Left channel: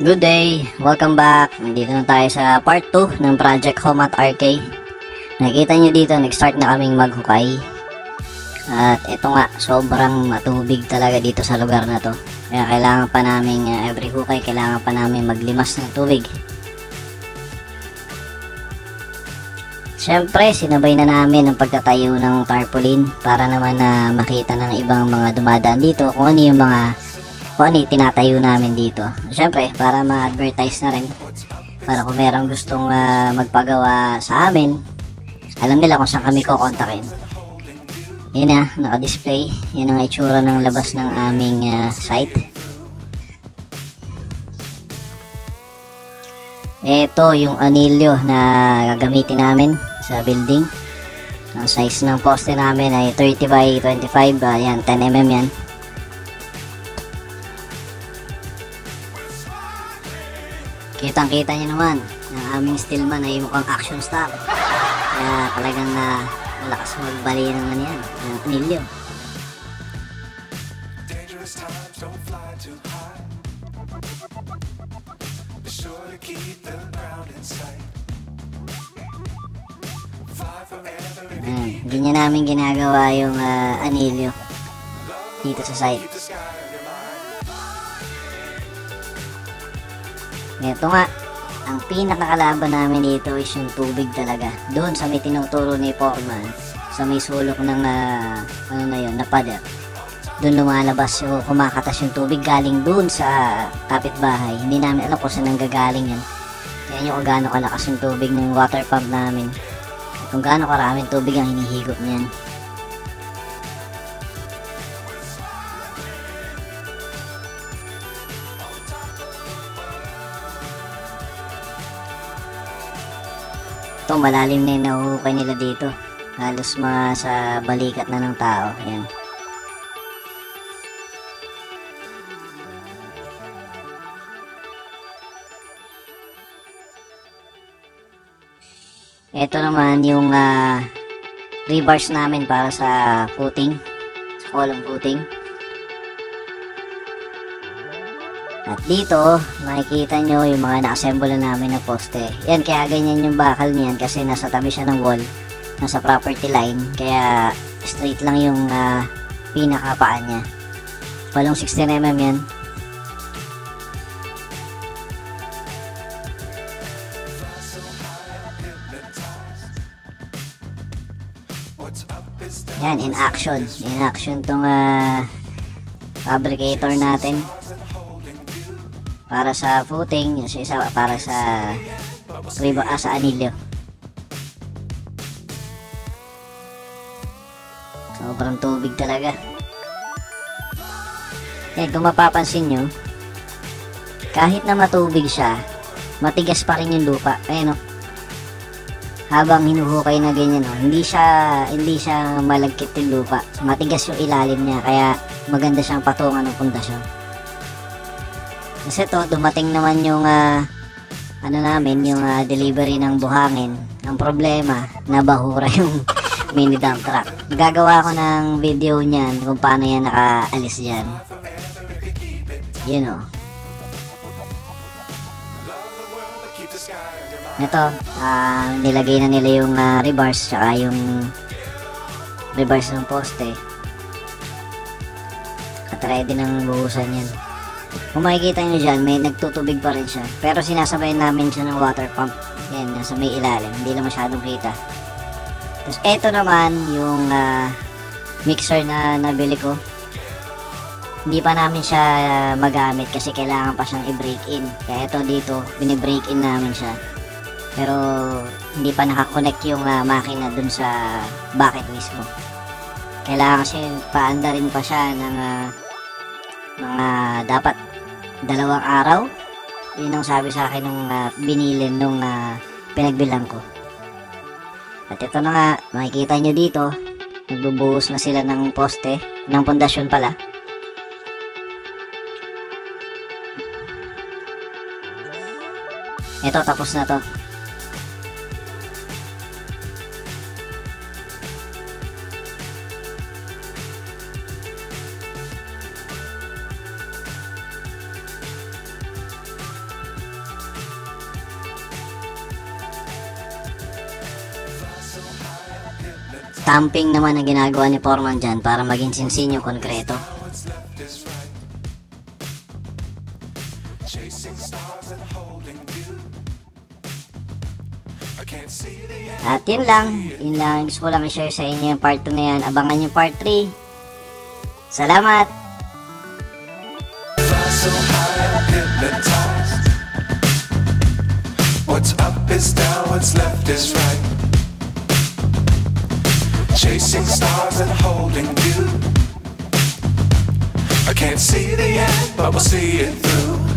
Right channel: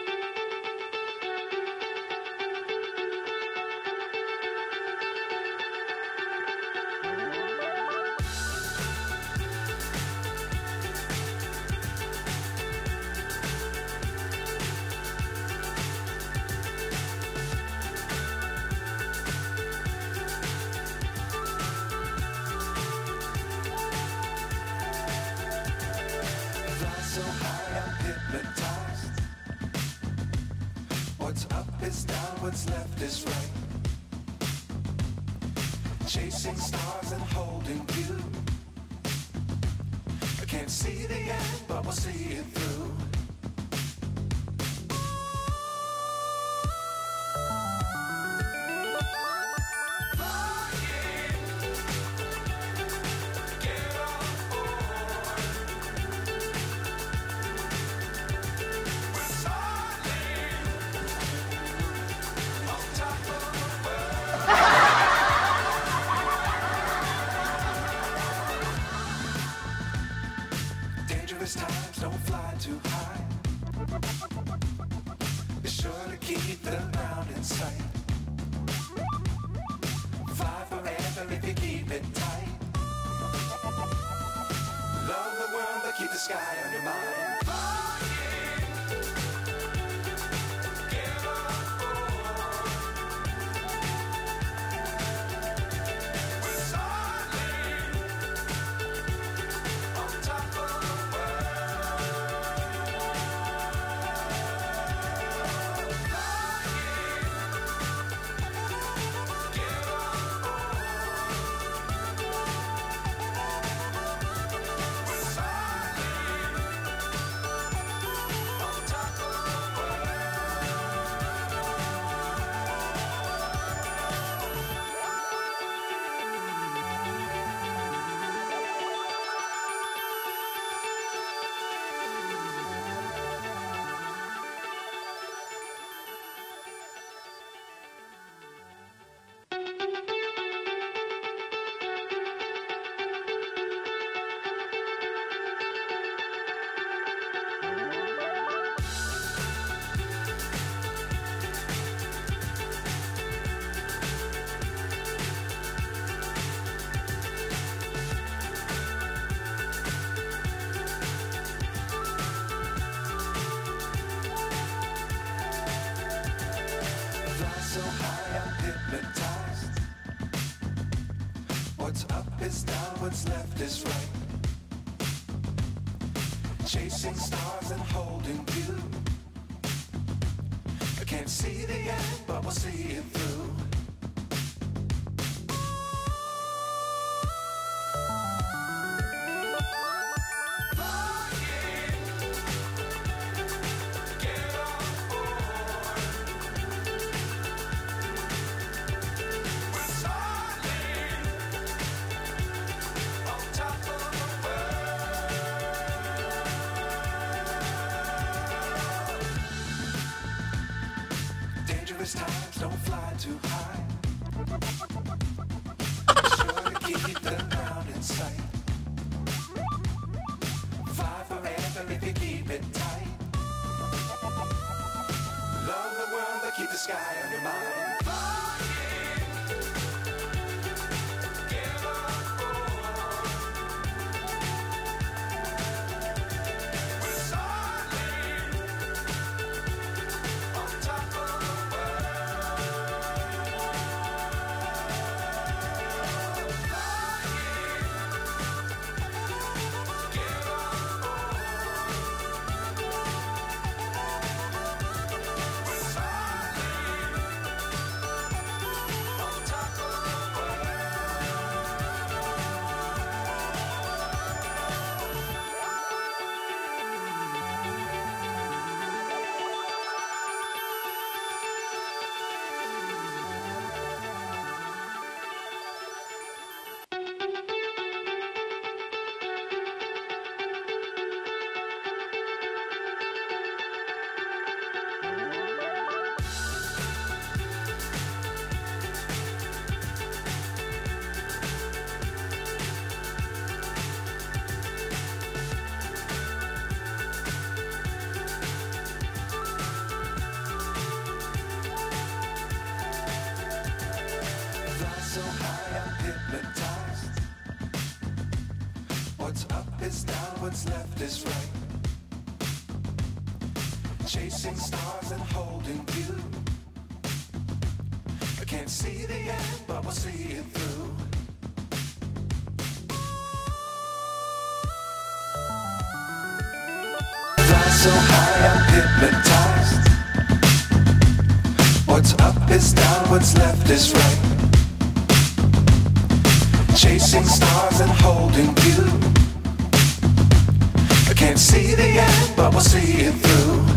Good day! Welcome back! Nandito na tayo sa part 2 ng Project Home at RK. Nakikita nyo dito, nag-start na kaming maghukay. At ito nga, sobrang matubig talaga dito sa lugar na to. Kaya kailangan pa namin, every hukay, kailangan pa namin maglimas ng tubig. Siyempre, sinabay na namin ang pagtatayo ng tarpaulin para naman na makita ng ibang mga dumadaan dito kung ano yung tinatayo namin dito. Siyempre, para ma-advertise na rin. Para kung merong gustong magpagawa sa amin, alam nila kung saan kami kukontakin. Yan na, naka-display. Yan ang itsura ng labas ng aming site. Ito yung anilyo na gagamitin namin sa building. Ang size ng poste namin ay 30 by 25. Yan, 10mm yan. Kitang-kita nyo naman, ang aming stillman ay mukhang action stock. Kaya talagang malakas magbali naman yan, ang anilyo. Hindi niya namin ginagawa yung anilyo dito sa site. Ito nga, ang pinakakalaban namin dito is yung tubig talaga. Doon sa may tinuturo ni Foreman, sa may sulok ng na pader. Doon lumalabas yung kumakatas yung tubig galing doon sa kapitbahay. Hindi namin alam kung saan nanggagaling yun. Yan yung kung gaano kalakas yung tubig ng water pump namin. Kung gaano karaming tubig ang hinihigot niyan. Ito, malalim na yung nahuhukay nila dito. Halos sa balikat na ng tao. Ayan. Ito naman yung rebars namin para sa footing, sa column footing. At dito, makikita nyo yung mga na-assemble namin na poste. Yan, kaya ganyan yung bakal niyan kasi nasa tabi siya ng wall, nasa property line. Kaya straight lang yung pinakapaan niya. Walong 16mm yan. Yan, in action. In action tong fabricator natin. Para sa footing, yung isa para sa sa anilyo. Sobrang tubig talaga. Kung mapapansin nyo, kahit na matubig siya, matigas pa rin yung lupa. Ayan o. Habang hinuhukay na ganyan, hindi siya malagkit yung lupa. Matigas yung ilalim niya, kaya maganda siyang patungan ng pundasyon. Kasi to, dumating naman yung yung delivery ng buhangin. Ang problema, nabahura yung mini dump truck. Gagawa ko ng video niyan kung paano yan nakaalis dyan. Yun o. Ito, nilagay na nila yung rebars tsaka yung rebars ng poste. At ready nang buhusan yan. Kung makikita nyo dyan, may nagtutubig pa rin siya. Pero sinasabay namin siya ng water pump. Yan, nasa may ilalim. Hindi na masyadong kita. Tapos eto naman, yung mixer na nabili ko. Hindi pa namin siya magamit kasi kailangan pa siyang i-break in. Kaya ito dito, binibreak in namin siya. Pero hindi pa nakakonect yung makina dun sa bucket mismo. Kailangan kasi paandarin pa siya ng mga dapat 2 araw. Yun ang sabi sa akin nung binilin nung pinagbilang ko. At ito na nga, makikita nyo dito, nagbubuhos na sila ng poste, ng pundasyon pala. Ito, tapos na to. camping naman ang ginagawa ni Foreman dyan para maging sinsin yung konkreto. At yun lang gusto ko lang i-share sa inyo yung part 2 na yan. Abangan yung part 3. Salamat! Fly so high, I'm hypnotized. What's up is down, what's left is right. Chasing stars and holding you. I can't see the end, but we'll see it through.